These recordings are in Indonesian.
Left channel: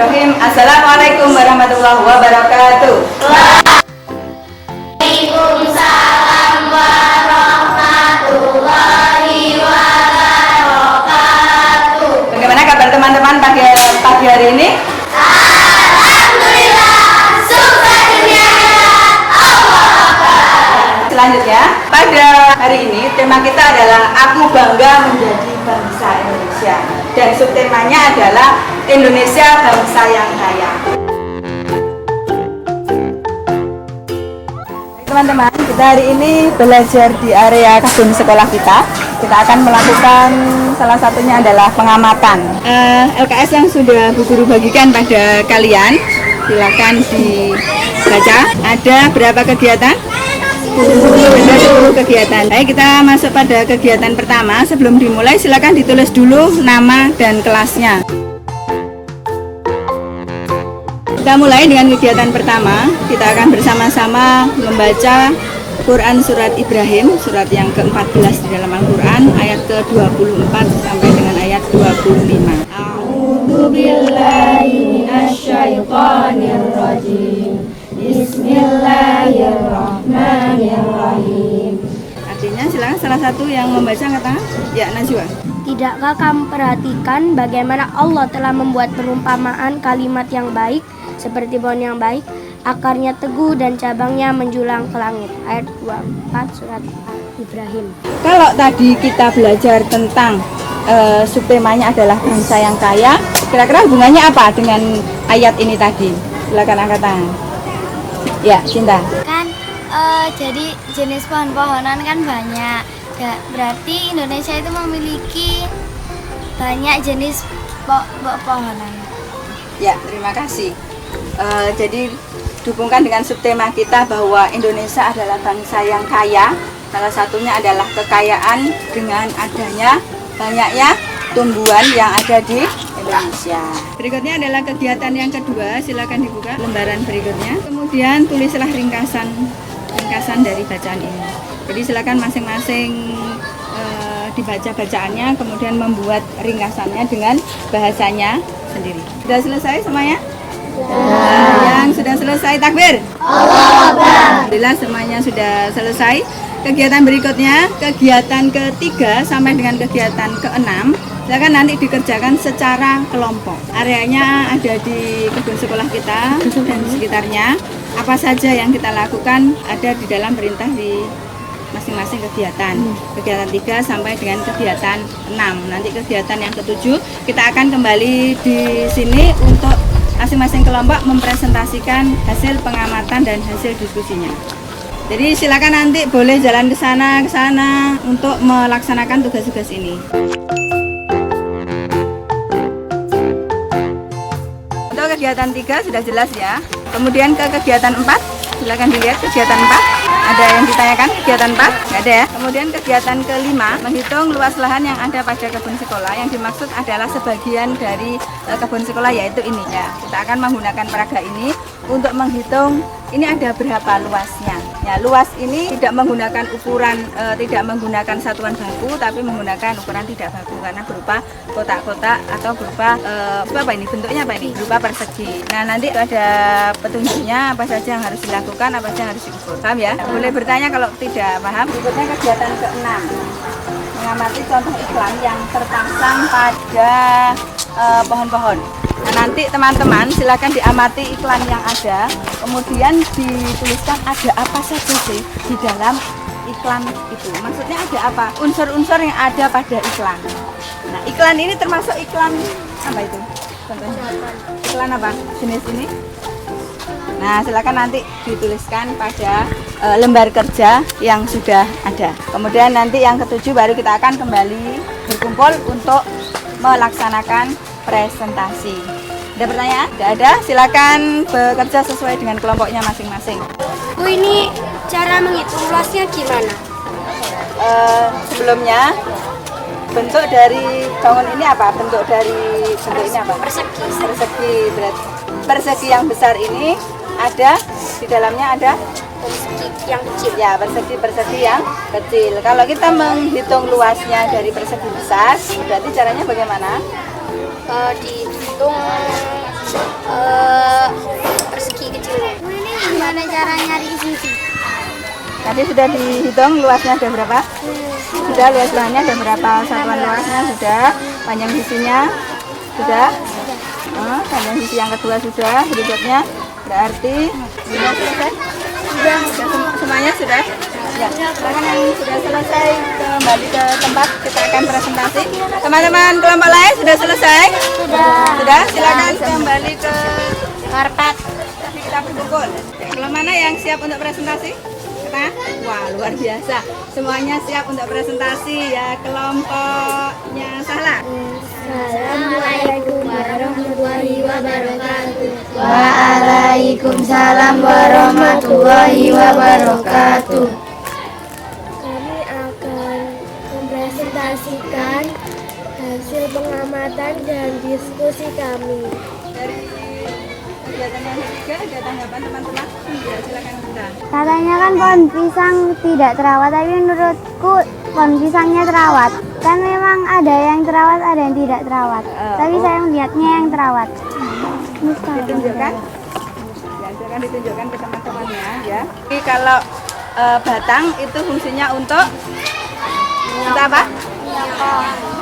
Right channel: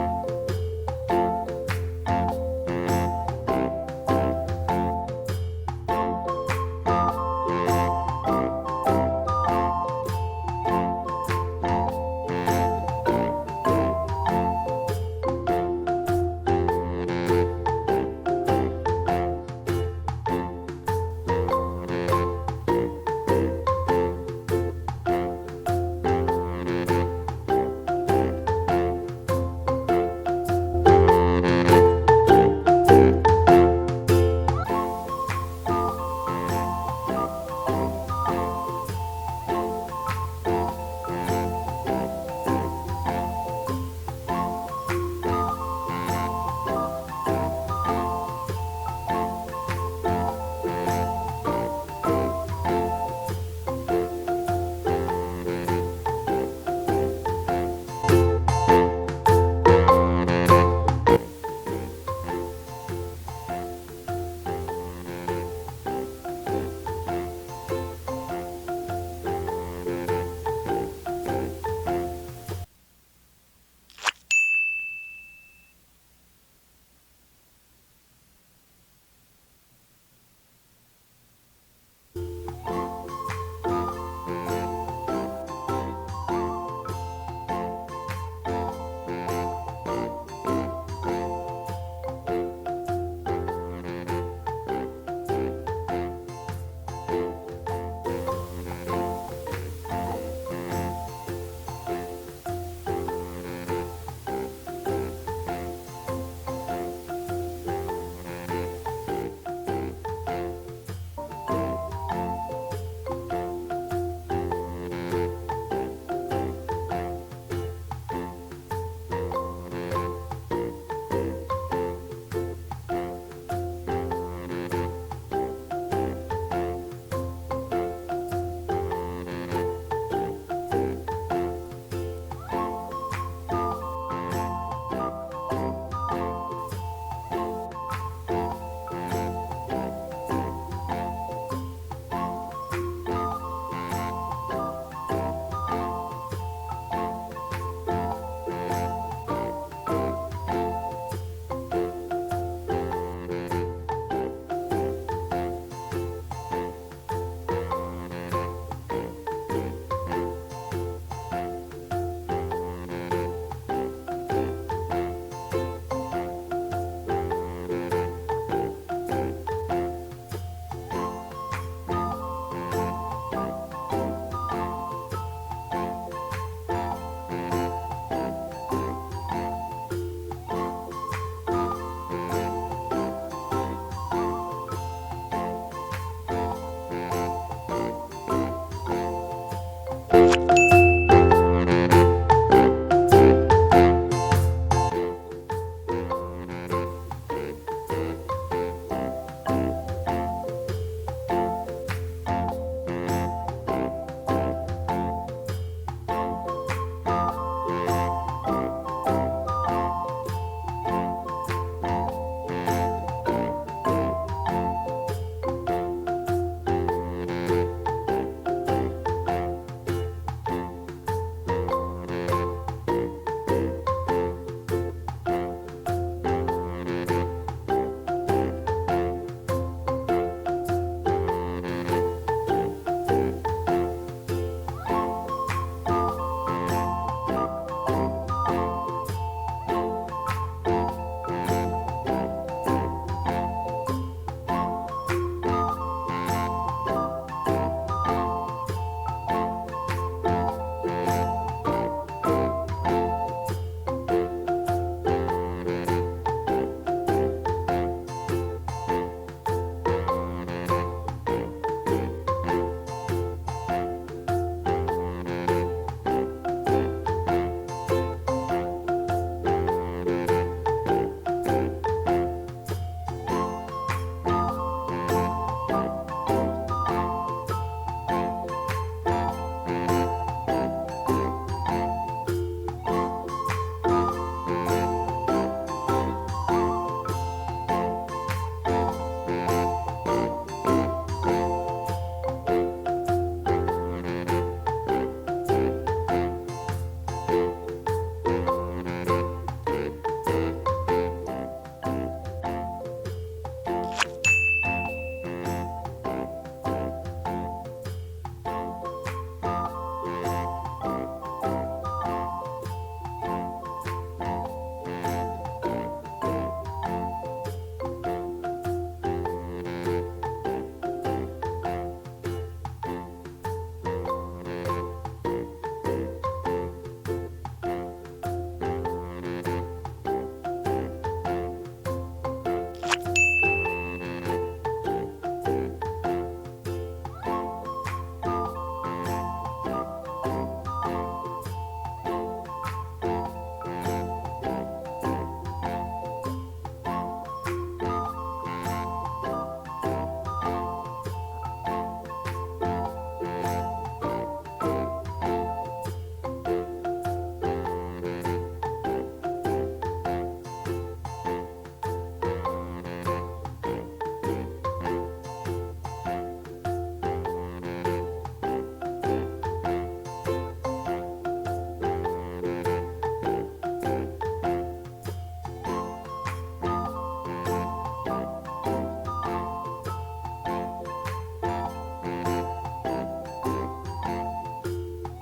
Bismillahirrahmanirrahim. Assalamualaikum warahmatullahi wabarakatuh. Waalaikumsalam warahmatullahi wabarakatuh. Bagaimana kabar teman-teman pagi hari ini? Alhamdulillah, sukses dunia akhirat. Selanjutnya, pada hari ini tema kita adalah Aku Bangga Menjadi Bangsa Indonesia. Dan subtemanya adalah Indonesia Bangsa yang Kaya. Teman-teman, kita hari ini belajar di area kebun sekolah kita. Kita akan melakukan salah satunya adalah pengamatan. LKS yang sudah Bu Guru bagikan pada kalian, silakan dibaca. Ada berapa kegiatan? 10 kegiatan. Baik, kita masuk pada kegiatan pertama. Sebelum dimulai, silakan ditulis dulu nama dan kelasnya. Kita mulai dengan kegiatan pertama. Kita akan bersama-sama membaca Quran Surat Ibrahim, surat yang ke-14 di dalam Al-Quran, ayat ke-24 sampai dengan ayat 25. A'udzu billahi minasyaitonir rajim. Bismillahirrahmanirrahim. Artinya silakan salah satu yang membaca kata ya Najwa. Tidakkah kamu perhatikan bagaimana Allah telah membuat perumpamaan kalimat yang baik seperti pohon yang baik, akarnya teguh dan cabangnya menjulang ke langit. Ayat 24 surat Ibrahim. Kalau tadi kita belajar tentang subtemanya adalah bangsa yang kaya, kira-kira hubungannya apa dengan ayat ini tadi? Silakan angkat tangan. Ya, Cinta. Kan jadi jenis pohon-pohonan kan banyak. Ya, berarti Indonesia itu memiliki banyak jenis pohonan. Ya, terima kasih. Jadi dihubungkan dengan subtema kita bahwa Indonesia adalah bangsa yang kaya. Salah satunya adalah kekayaan dengan adanya banyaknya tumbuhan yang ada di Indonesia. Berikutnya adalah kegiatan yang kedua. Silakan dibuka lembaran berikutnya. Kemudian tulislah ringkasan dari bacaan ini. Jadi silakan masing-masing dibaca bacaannya, kemudian membuat ringkasannya dengan bahasanya sendiri. Sudah selesai semuanya? Yang sudah selesai takbir. Alhamdulillah semuanya sudah selesai. Kegiatan berikutnya, kegiatan ketiga sampai dengan kegiatan keenam, silakan nanti dikerjakan secara kelompok. Areanya ada di kebun sekolah kita dan sekitarnya. Apa saja yang kita lakukan ada di dalam perintah di masing-masing kegiatan. Kegiatan 3 sampai dengan kegiatan 6. Nanti kegiatan yang ke-7 kita akan kembali di sini untuk masing-masing kelompok mempresentasikan hasil pengamatan dan hasil diskusinya. Jadi silakan nanti boleh jalan ke sana untuk melaksanakan tugas-tugas ini. Untuk kegiatan 3 sudah jelas ya. Kemudian ke kegiatan 4, silakan dilihat kegiatan 4. Ada yang ditanyakan kegiatan 4? Nggak ada ya. Kemudian kegiatan ke-5, menghitung luas lahan yang ada pada kebun sekolah. Yang dimaksud adalah sebagian dari kebun sekolah, yaitu ini ya. Kita akan menggunakan peraga ini untuk menghitung ini ada berapa luasnya. Ya, luas ini tidak menggunakan ukuran, tidak menggunakan satuan baku, tapi menggunakan ukuran tidak baku karena berupa kotak-kotak atau berupa apa ini bentuknya apa ini? Berupa persegi. Nah, nanti ada petunjuknya apa saja yang harus dilakukan, apa saja yang harus diukur. Paham ya? Boleh bertanya kalau tidak paham. Berikutnya kegiatan ke-6. Mengamati contoh iklan yang terpasang pada pohon-pohon. Nah, nanti teman-teman silakan diamati iklan yang ada, kemudian dituliskan ada apa saja sih di dalam iklan itu. Maksudnya ada apa? Unsur-unsur yang ada pada iklan. Nah, iklan ini termasuk iklan apa itu? Contohnya. Iklan apa? Jenis ini? Nah, silakan nanti dituliskan pada lembar kerja yang sudah ada. Kemudian nanti yang ke-7 baru kita akan kembali berkumpul untuk melaksanakan presentasi. Ada pertanyaan? Tidak ada? Silakan bekerja sesuai dengan kelompoknya masing-masing. Bu, ini cara menghitung luasnya gimana? Sebelumnya bentuk dari bangun ini apa? Bentuk dari bentuknya apa? Persegi. Persegi. Persegi yang besar ini ada di dalamnya ada Persegi yang kecil. ya, persegi yang kecil. Kalau kita menghitung luasnya dari persegi besar, berarti caranya bagaimana? Dihitung Persegi kecilnya. Ini gimana cara nyari sisi? Tadi sudah dihitung luasnya ada berapa? Sudah, luas lahannya ada berapa? Satuan luasnya sudah, panjang sisinya sudah. Panjang sisi yang kedua sudah. Berikutnya berarti sudah selesai. Semuanya sudah. Ya, silakan yang sudah selesai kembali ke tempat, kita akan presentasi. Teman-teman kelompok lain sudah selesai? Sudah, silakan kembali ke karpet. Jadi kita berkumpul. Kelompok mana yang siap untuk presentasi? Kita? Wah, luar biasa. Semuanya siap untuk presentasi ya. Kelompoknya salah. Assalamualaikum warahmatullahi wabarakatuh. Waalaikumsalam warahmatullahi wabarakatuh. Kami akan mempresentasikan hasil pengamatan dan diskusi kami. Dari kegiatan yang ketiga ada tanggapan teman-teman? Ya, silakan kita. Katanya kan pohon pisang tidak terawat, tapi menurutku pohon pisangnya terawat. Kan memang ada yang terawat, ada yang tidak terawat. Tapi saya melihatnya yang terawat. Ditunjukkan? Ya, silakan ditunjukkan ke teman-temannya ya. Jadi kalau batang itu fungsinya untuk apa?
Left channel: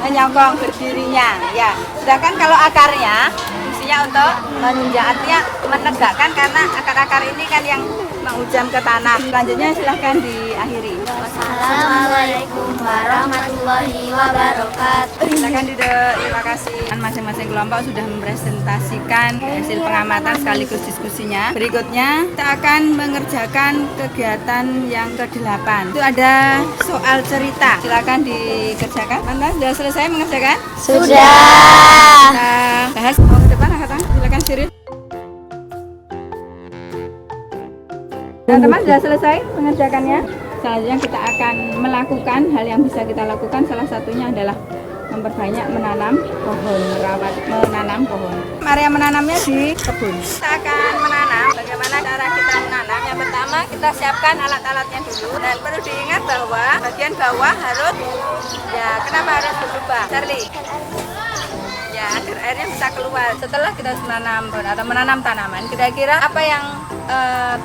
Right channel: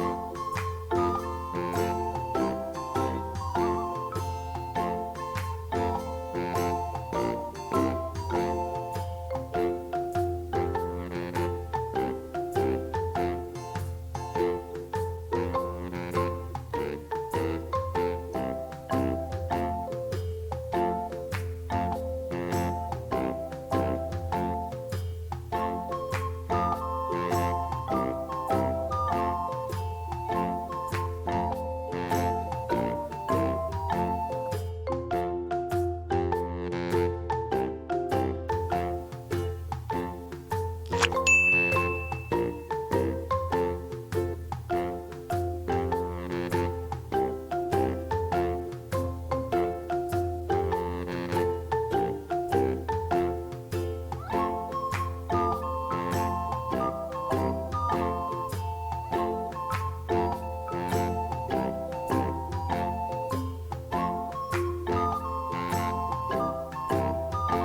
Menyokong berdirinya ya. Sedangkan kalau akarnya fungsinya untuk menunjang, artinya menegakkan, karena akar-akar ini kan yang menghujam ke tanah. Selanjutnya silahkan diakhiri. Assalamualaikum warahmatullahi wabarakatuh. Silakan terima kasih. Masing-masing kelompok sudah mempresentasikan hasil pengamatan sekaligus diskusinya. Berikutnya kita akan mengerjakan kegiatan yang ke-8. Itu ada soal cerita. Silakan dikerjakan. Anda sudah selesai mengerjakan? Sudah. Kita bahas ke depan, angkatan. Silakan Siril. Teman-teman sudah selesai mengerjakannya. Selanjutnya kita akan melakukan hal yang bisa kita lakukan. Salah satunya adalah memperbanyak menanam pohon, merawat menanam pohon. Area menanamnya di kebun. Kita akan menanam. Bagaimana cara kita menanam? Yang pertama kita siapkan alat-alatnya dulu. Dan perlu diingat bahwa bagian bawah harus, ya kenapa harus berubah? Charlie. Ya, agar airnya bisa keluar. Setelah kita menanam pohon atau menanam tanaman, kira-kira apa yang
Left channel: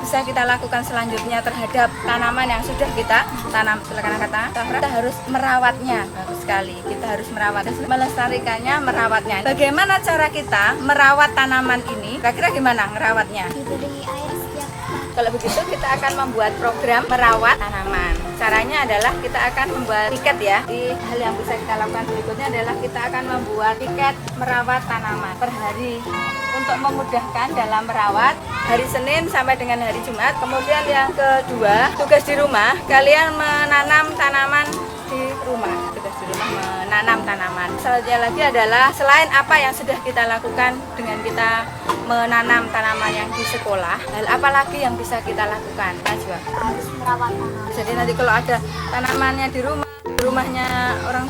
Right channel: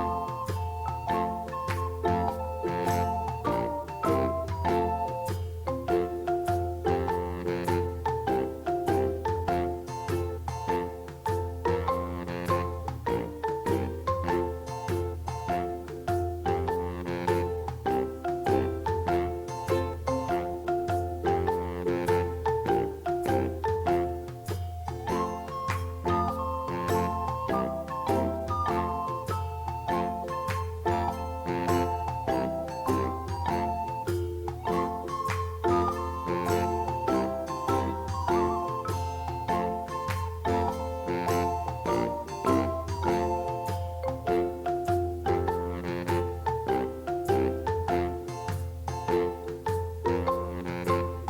bisa kita lakukan selanjutnya terhadap tanaman yang sudah kita tanam? Silakan kata, kita harus merawatnya. Bagus sekali, kita harus merawatnya, melestarikannya, merawatnya. Bagaimana cara kita merawat tanaman ini? Kira-kira gimana merawatnya? Kalau begitu kita akan membuat program merawat tanaman. Caranya adalah kita akan membuat tiket ya. Di hal yang bisa kita lakukan berikutnya adalah kita akan membuat tiket merawat tanaman per hari untuk memudahkan dalam merawat hari Senin sampai dengan hari Jumat. Kemudian yang kedua, tugas di rumah, kalian menanam tanaman di rumah. Tugas di rumah menanam tanaman. Selanjutnya lagi adalah selain apa yang sudah kita lakukan dengan kita menanam tanaman yang di sekolah, hal apa lagi yang bisa kita lakukan? Najwa. Jadi nanti kalau ada tanamannya di rumah, rumahnya orang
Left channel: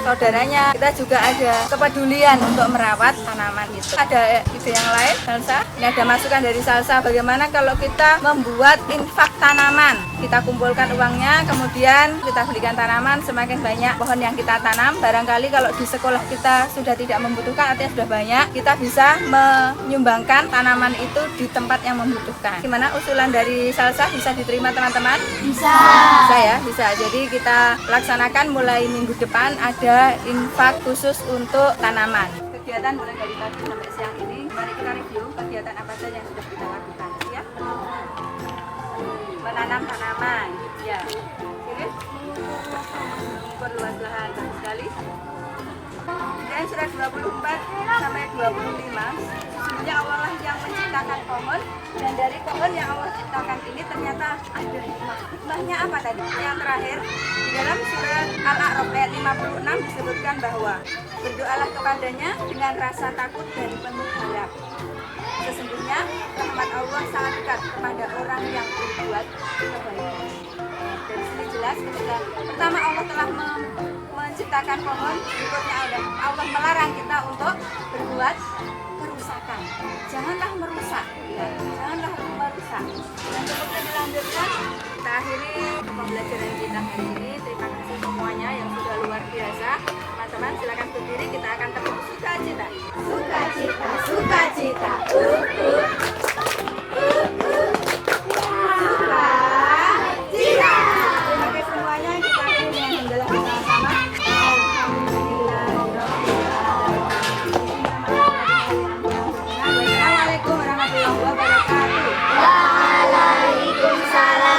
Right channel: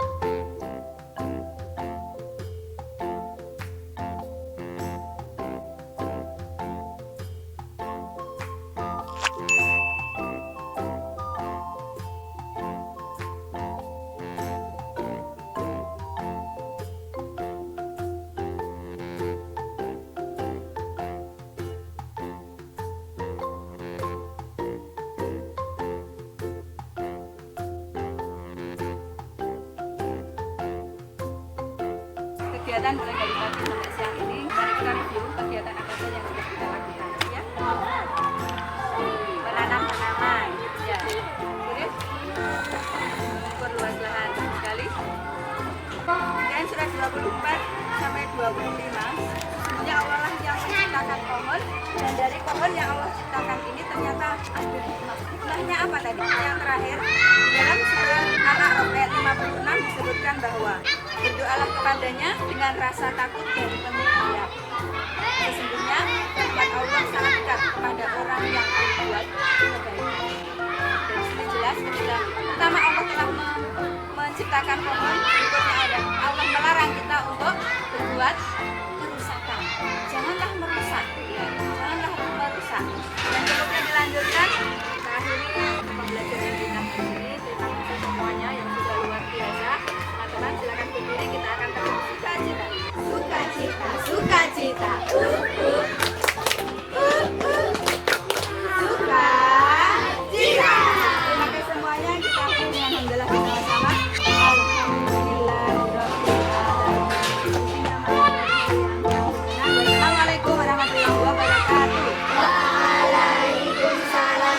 saudaranya, kita juga ada kepedulian untuk merawat tanaman itu. Ada ide yang lain, Salsa? Ini ada masukan dari Salsa, bagaimana kalau kita membuat infak tanaman? Kita kumpulkan uangnya, kemudian kita belikan tanaman, semakin banyak pohon yang kita tanam. Barangkali kalau di sekolah kita sudah tidak membutuhkan, artinya sudah banyak, kita bisa menyumbangkan tanaman itu di tempat yang membutuhkan. Gimana usulan dari Salsa, bisa diterima teman-teman? Bisa. Bisa ya, bisa. Jadi kita laksanakan mulai minggu depan ada infak khusus untuk tanaman. Kegiatan mulai dari pagi sampai siang ini, mari kita review kegiatan apa saja yang sudah kita lakukan ya. Menanam tanaman ya. Kirim mengukur luas lahan, bagus sekali. Dan surat 24 sampai 25, sesungguhnya Allah lah yang menciptakan pohon, dan dari pohon yang Allah ciptakan ini ternyata ada hikmah. Hikmahnya apa tadi? Yang terakhir, di dalam surat Al-A'raf ayat 56 disebutkan bahwa berdoalah kepadanya dengan rasa takut dan penuh harap. Sesungguhnya rahmat Allah sangat dekat kepada orang yang berbuat kebaikan. Dan sini jelas ketika pertama Allah telah menciptakan pohon, berikutnya Allah melarang kita untuk berbuat kerusakan. Janganlah merusak, ya. Janganlah merusak. Dan kemudian dilanjutkan, kita akhiri pembelajaran kita hari ini. Terima kasih semuanya yang sudah luar biasa. Teman-teman silakan berdiri, kita akan terus cita-cita.